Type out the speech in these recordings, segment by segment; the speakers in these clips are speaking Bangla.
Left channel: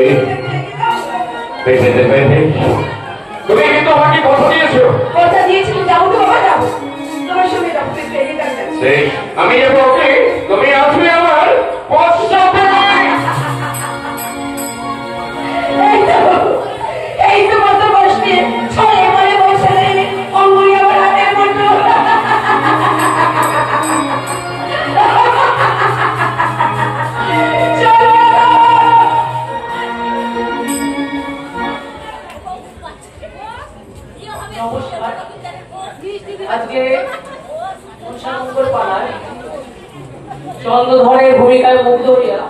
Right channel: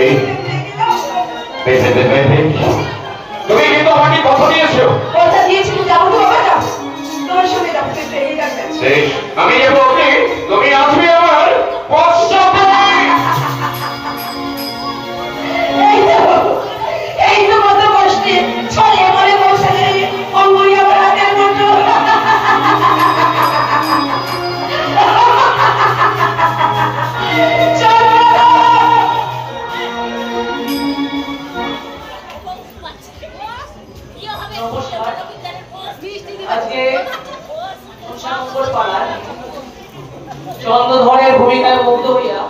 এই পেছনে তুমি কিন্তু আমাকে কথা দিয়েছো। কথা দিয়েছি যাবো তো বাবা, তোমার সঙ্গে যাবো। আমি যাবো, তুমি আসবে আমার পশ্চাতে। এই তো কত বসতে ছড়ে পড়ে বসে অঙ্গুলি আমার হাতের মুঠো। আজকে চন্দ্রধরের ভূমিকায় মুগ্ধ হইয়া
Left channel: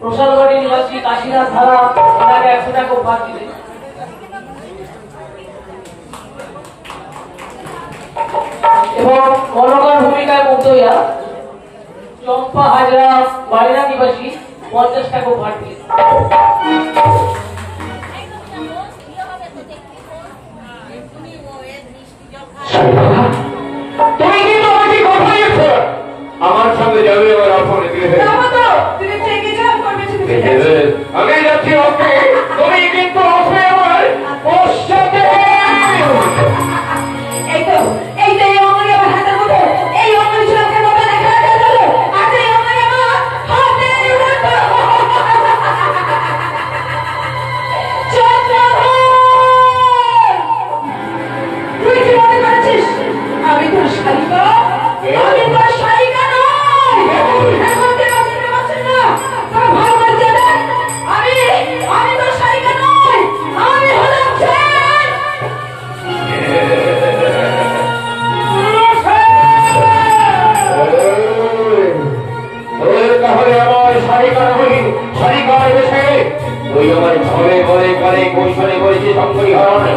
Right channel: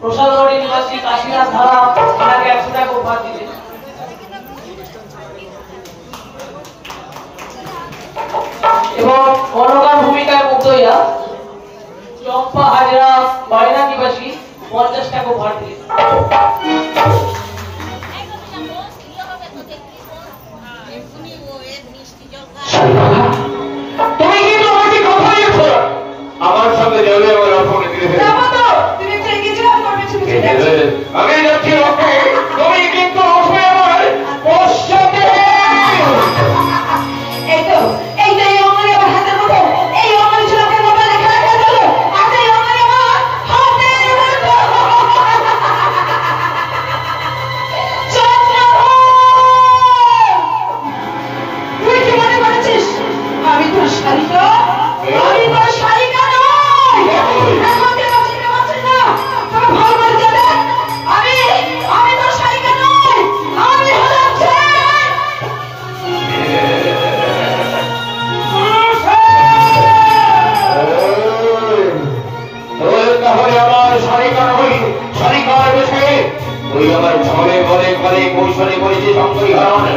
প্রসাদগড়ের নিবাসী কাশীনাথ ধারা আমাকে 100 টাকা উপহার দিলেন। এবং মনোকার ভূমিকায় মুগ্ধ হইয়া চম্পা হাজরা বাড়িনা নিবাসী 50 টাকা উপহার দিলেন। আমার সঙ্গে যাবে আমি যাচ্ছি, তুমি কিন্তু আসবে আমার পশ্চাতে। এইটাই অঙ্গুলি আমার হাতের মুঠো, এই অঙ্গুলি ছোলাকের মতো লেখা লেখা চলো, আর এই অঙ্গুলি আমার হাতের মুঠো। তুই কি মনে করেছিস আমি তোর শালিকা? আমি তোর শালিকা নই। এখন কেন চিনতে পারছিস না? তোর ভালো করে জানে আমি তোর শালিকা নই, আমি হলাম ছেলে। তাহলে আমার শালিকা নই, শালিকা বেশি তুই আমার ঘরে ঘরে ঘরে কৌশলে করেছি সঙ্গী হারান।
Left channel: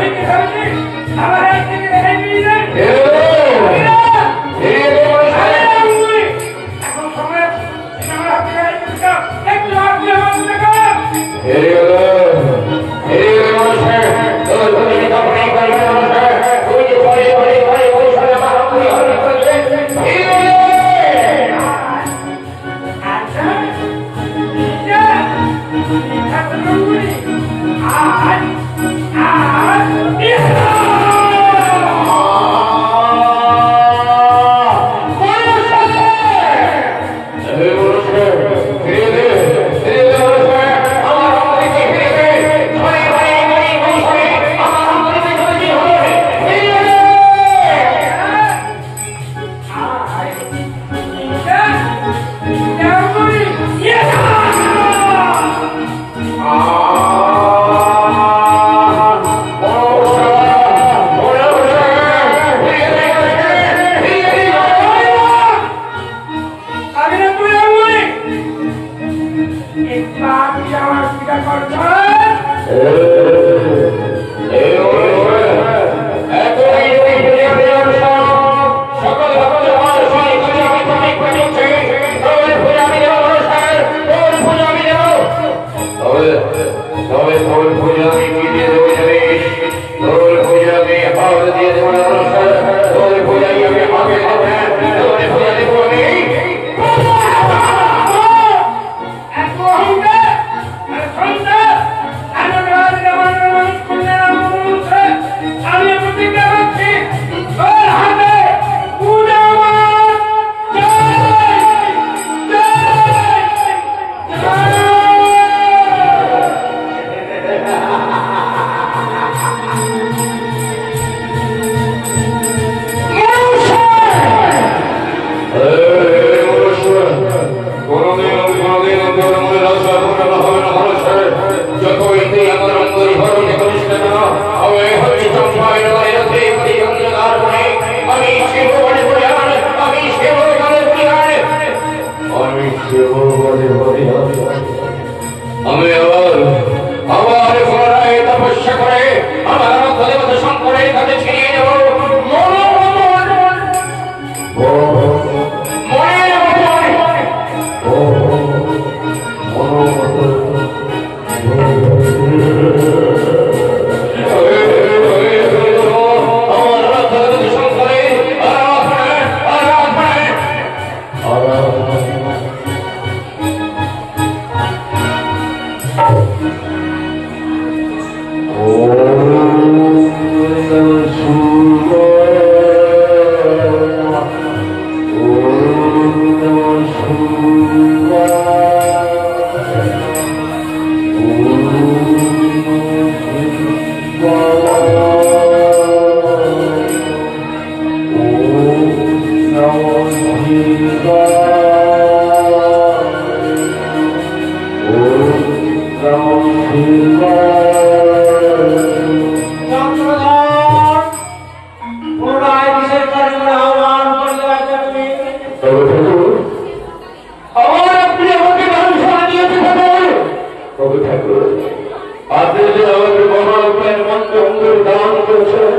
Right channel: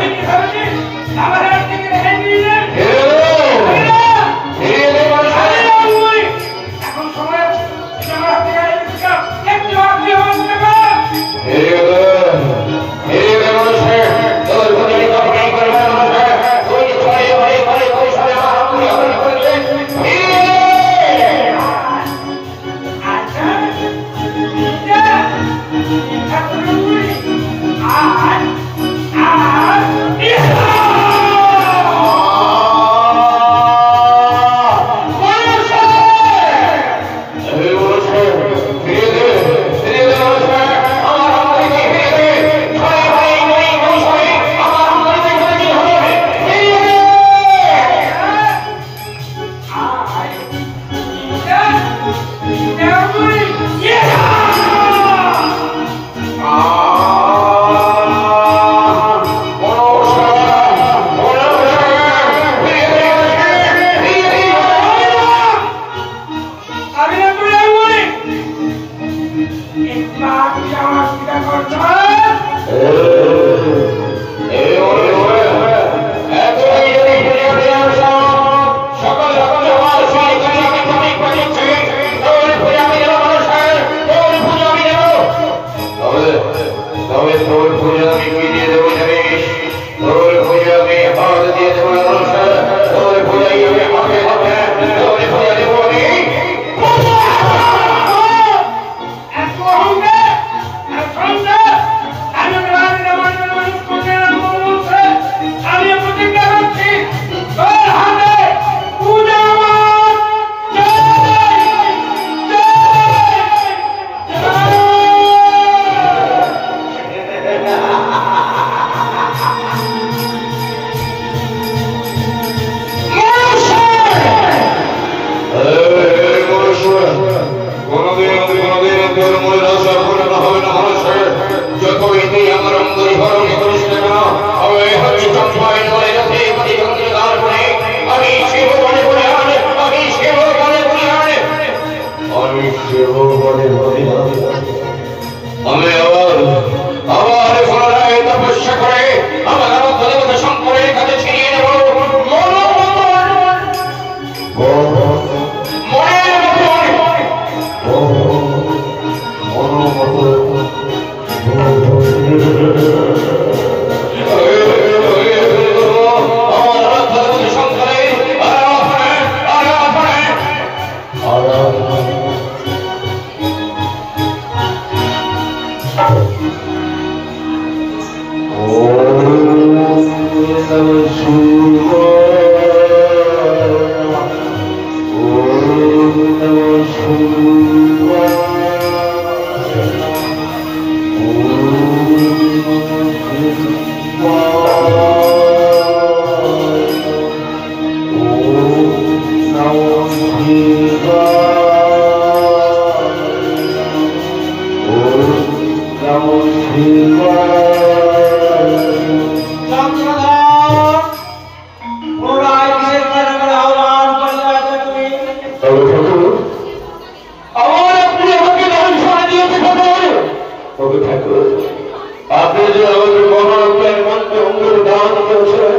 আপনি যে আমাদের মহারত্নের মন্ত্রে অঙ্গের দান করেছেন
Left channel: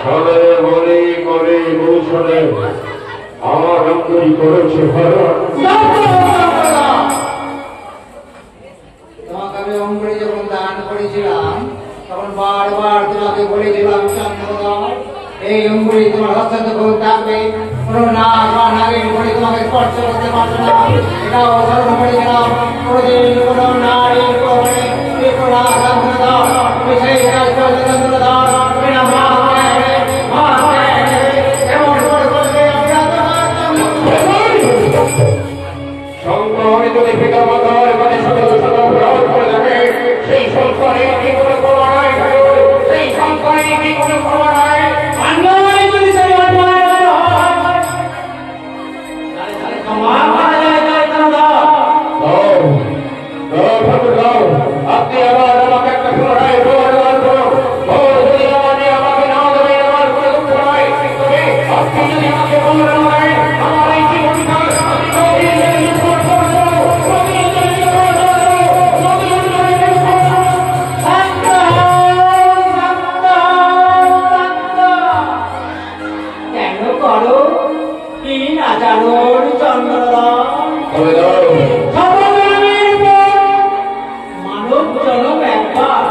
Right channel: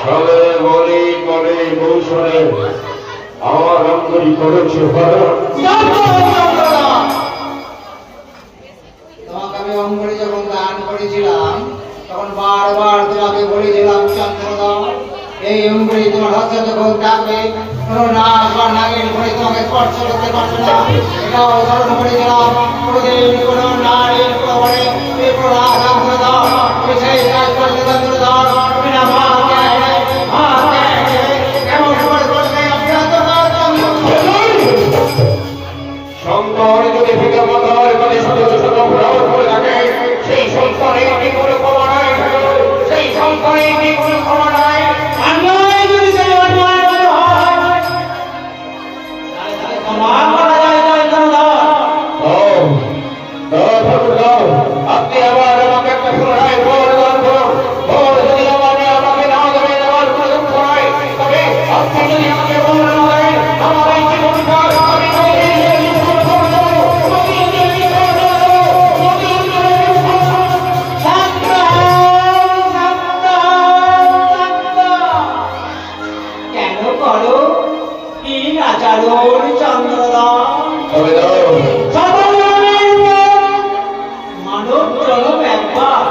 সবে বলি করে কৌশলে আমার অঙ্গরি করেছে তোমাকে আমি অঙ্গরি যখন দান করেছিলাম তখন বারবার তোমাকে বলেছিলাম চন্দ্রদা এই অঙ্গরি তোমার হস্তে যখন ডাকবে কোনো না নাগের উপরে তোমাকে স্পর্শ করতে পারবে না এটাও ধর্ম করেছিলাম প্রতিদিন কোনো নারীর উপরে কোনো আঘাত করে দাও তুমি সেই কাজ করতে চন্দ্রদা তুমি না এমন করে বলতে আমি শঙ্কর যদি ফিকা মাথায় মানে শত শত ভ্রমণ করে থাকে সেই শঙ্করে কি কোনো ক্ষমা নাই সেই শঙ্করে কি কোনো ক্ষমা নাই আপনি আমার আমাকে একটা পুনরায় প্রদান করুন যদি আমাকে না দেবে আমার কোনো দুঃখ নাই তবে আপনি যদি আমাকে বলবেন আমার এই জীবনটা আমি কেন করো কি না জানো চন্দ্রদা মানব জন্ম একবার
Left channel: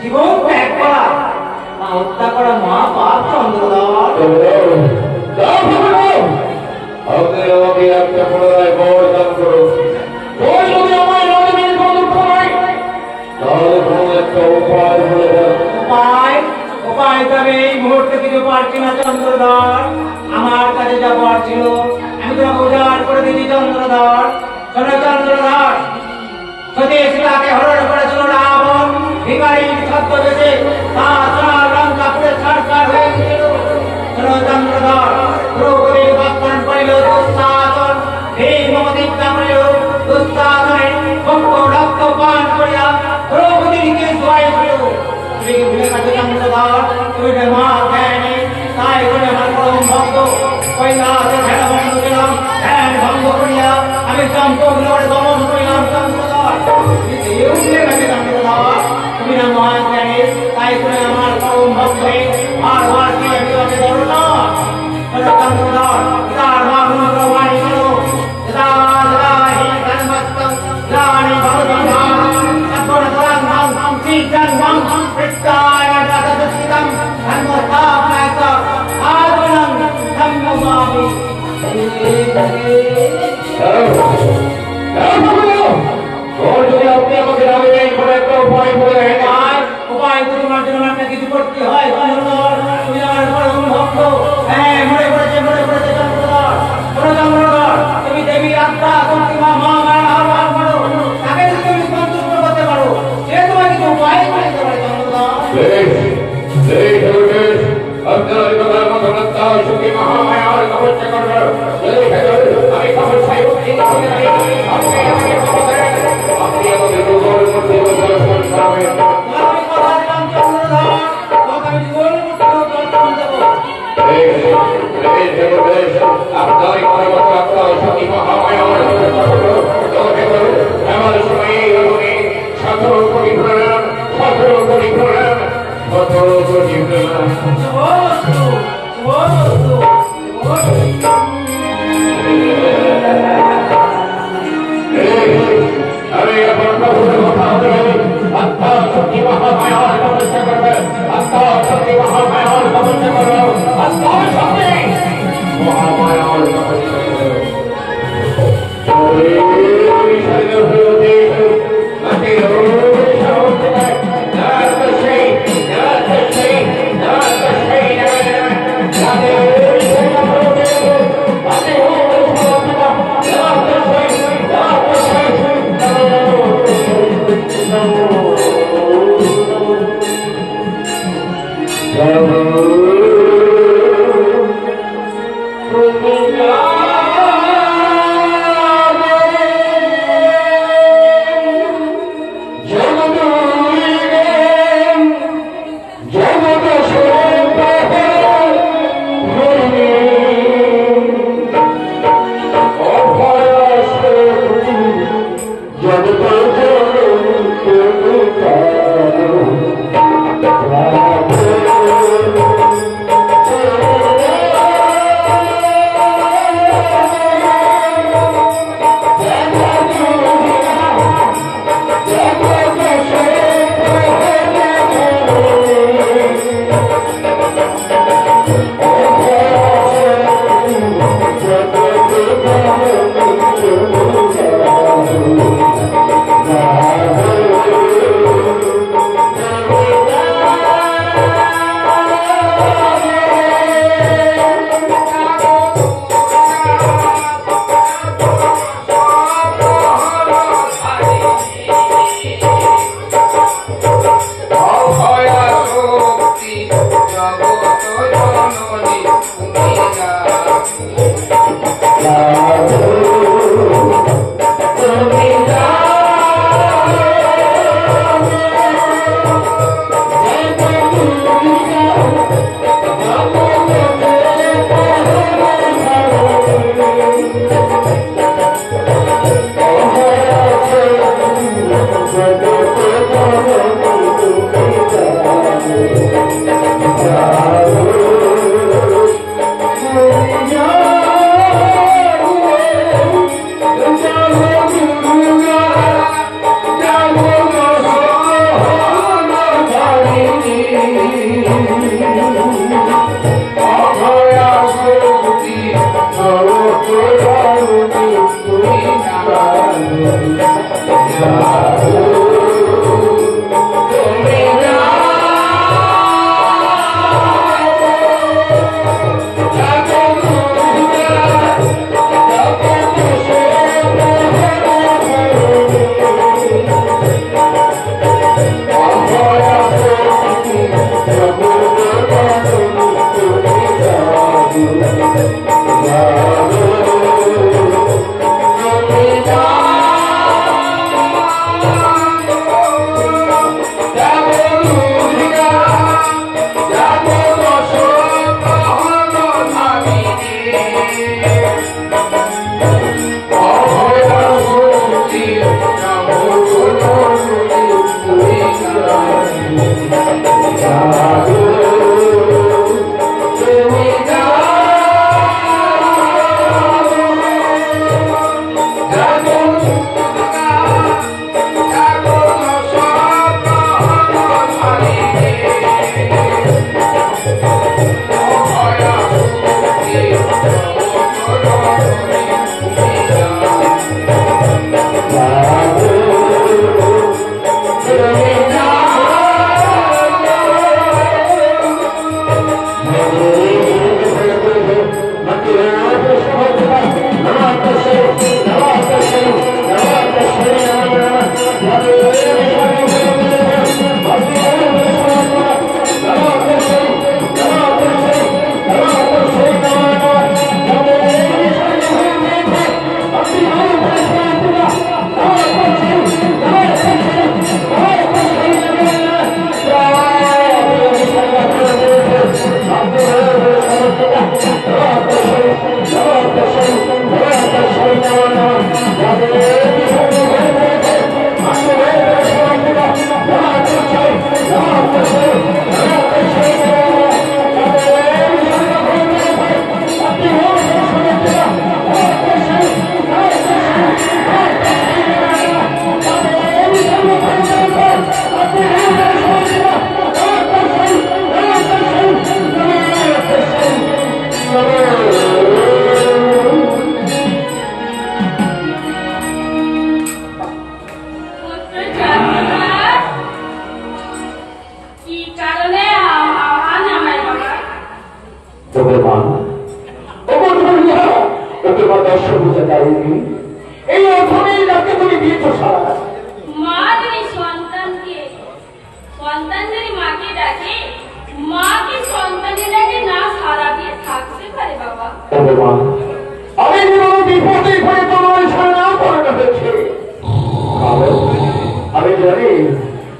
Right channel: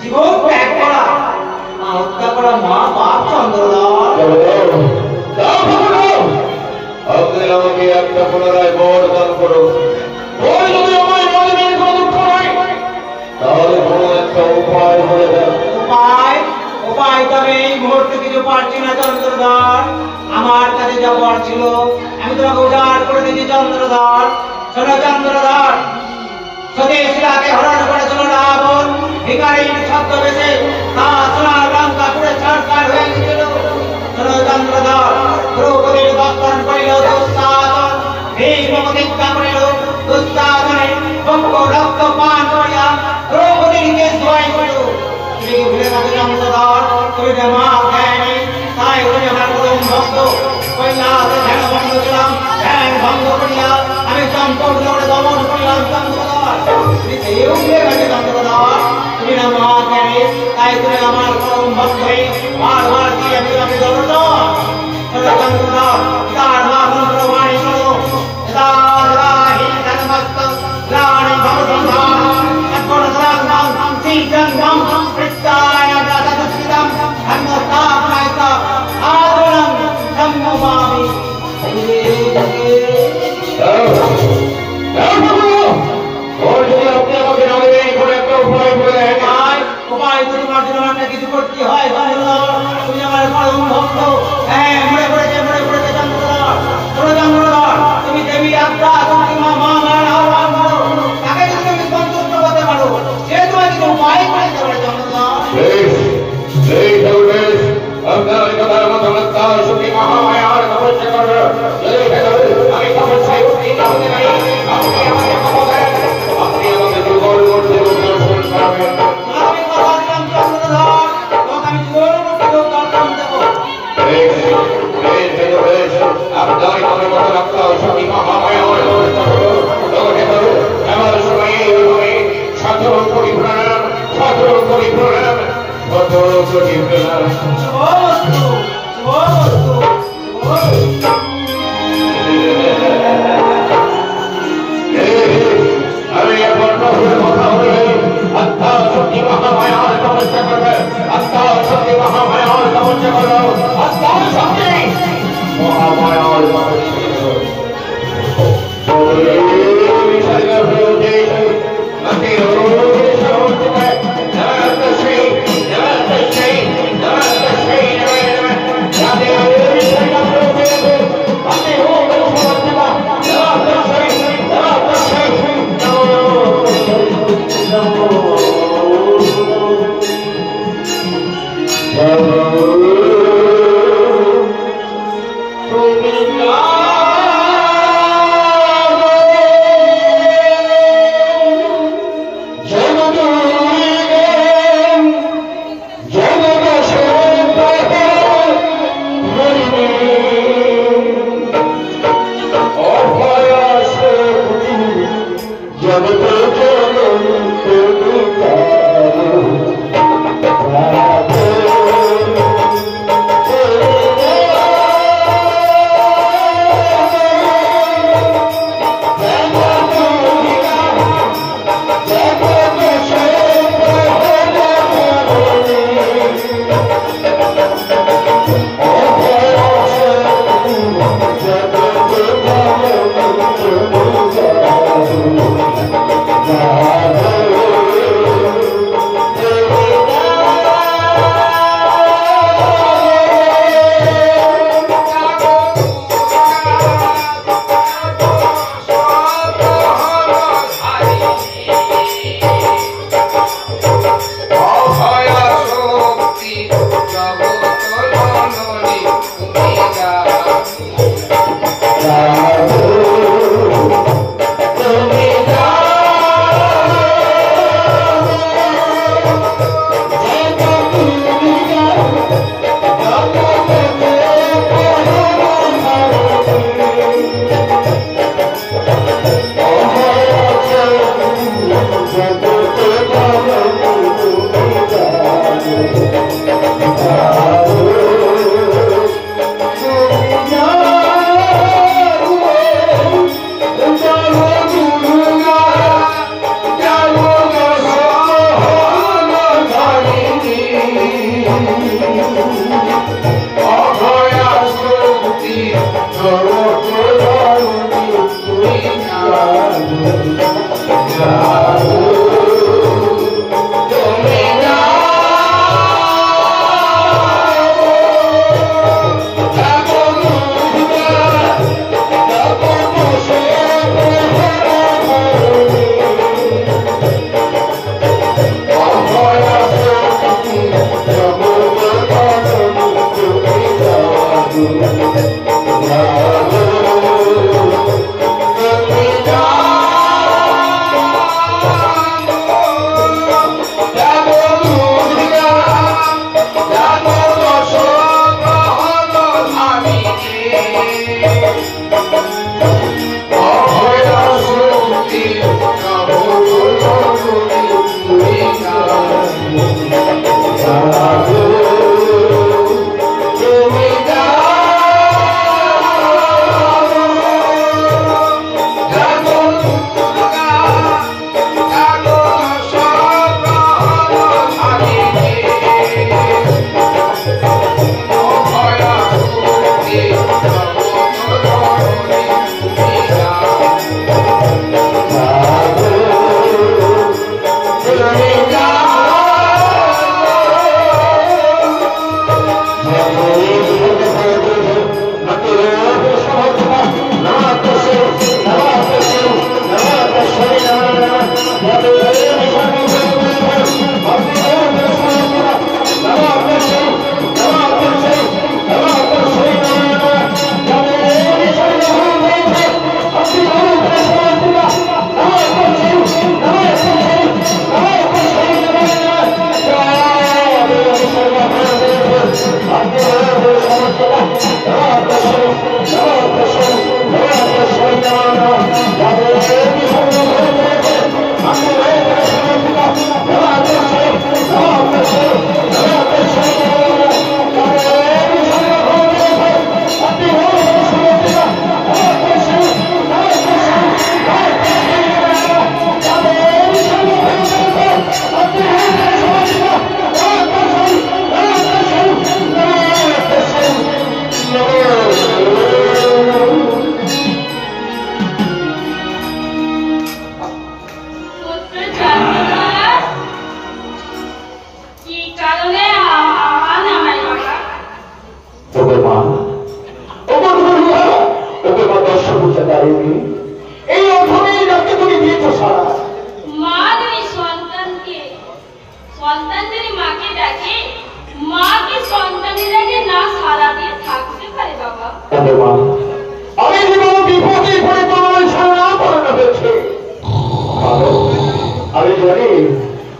জীবন ত্যাগ করা হত্যা করা মা বাপ চন্দ্রদা আপনি আমাকে একটা পুনরায় বর দান করুন যদি আমার নদীর কোনো দুঃখ নাই তাহলে কোনো একটা উপায় হয়ে যাবে উপায় তবে এই মুহূর্তে কিছু পারছি না চন্দ্রধর আমার কাছে যা বর ছিল আমি তোমাকে উজাড় করে দিচ্ছি চন্দ্রধর শোনো চন্দ্রধর স্বদেশীলাকে হরণ করেছিল রাবণ ভিখারির ছদ্মবেশে তার লঙ্কা পুরে ছাড়খাড় হয়ে গেছিল শোনো চন্দ্রধর দ্রৌপদীর বস্ত্রণ করিল দুঃশাসন ভীষ্মদীক্ষা করিল দুঃশাসনে বঙ্গ রক্ত পান করিয়া দ্রৌপদীকে জয় করিল তুমি ভুলে থাকো চন্দ্রধর তুমি মা জ্ঞানী তাই তুমি আমার পরম ভক্ত কৈলাসে ধ্যান ভঙ্গ দিলাম ধ্যান ভঙ্গ করিয়া আমি সম্পূর্ণ দমন করিলাম চন্দ্রধর তুমি কেউ ভুলে গেছে চন্দ্রধর তুমি না মা জ্ঞানী তাই তুমি আমার পরম ভক্ত হয়ে বারবার কি আমি তোমাকে দৌড় চন্দ্রধর তার মা মন্ত্র বাণী শোনো যদা যদা হি জন্মস্তং গ্লানি ভবসংহার সর্বনাশানাং শ্রীজন্মং কৃত্তায় রাজদুষ্টিতং ধর্মস্থাপনায় আদরং ধম্মমামি আপনি আমাকে নামে দেন কোনো একটা উপায় বলে উপায় তোমার জন্য একটা কিছু করতে হয় চন্দ্রধর তুমি আমার পরম ভক্ত হ্যাঁ মনে পড়েছে চন্দ্রধর শোনো চন্দ্রধর তুমি দেবী আত্মা তুমি মা মায়ের আহ্বান করো তাকে যদি তুমি সন্তুষ্ট করতে পারো সে তোমায় কিছু উপায় করে দিতে পারে চন্দ্রধর আপনার কথার মতো সুখী মহামায়ার তপস্যা করবে যদি আমি তপস্যায় উত্তীর্ণ হতে পারি আপনি আমাকে যোগর মধ্যে দর্শন করবেন আমি কথা দিলাম চন্দ্রধর তোমাকে আমি জীবনের মধ্যে দর্শন দেবো আপনার কথা সুখী মহামায়ার আমার সময় সতেরো কোটি প্রণাম সতেরো কোটি প্রণাম সতেরো কোটি প্রণাম আমি এখন কথা হবে আত্মা শক্তি মহামায়ার তপস্যা করবে আত্মা শক্তি মহামায়ার তপস্যা করো আত্মা শক্তি মহামায়ার তপস্যা করো Namaste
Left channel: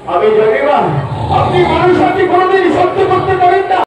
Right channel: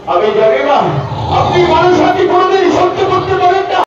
আমি জানি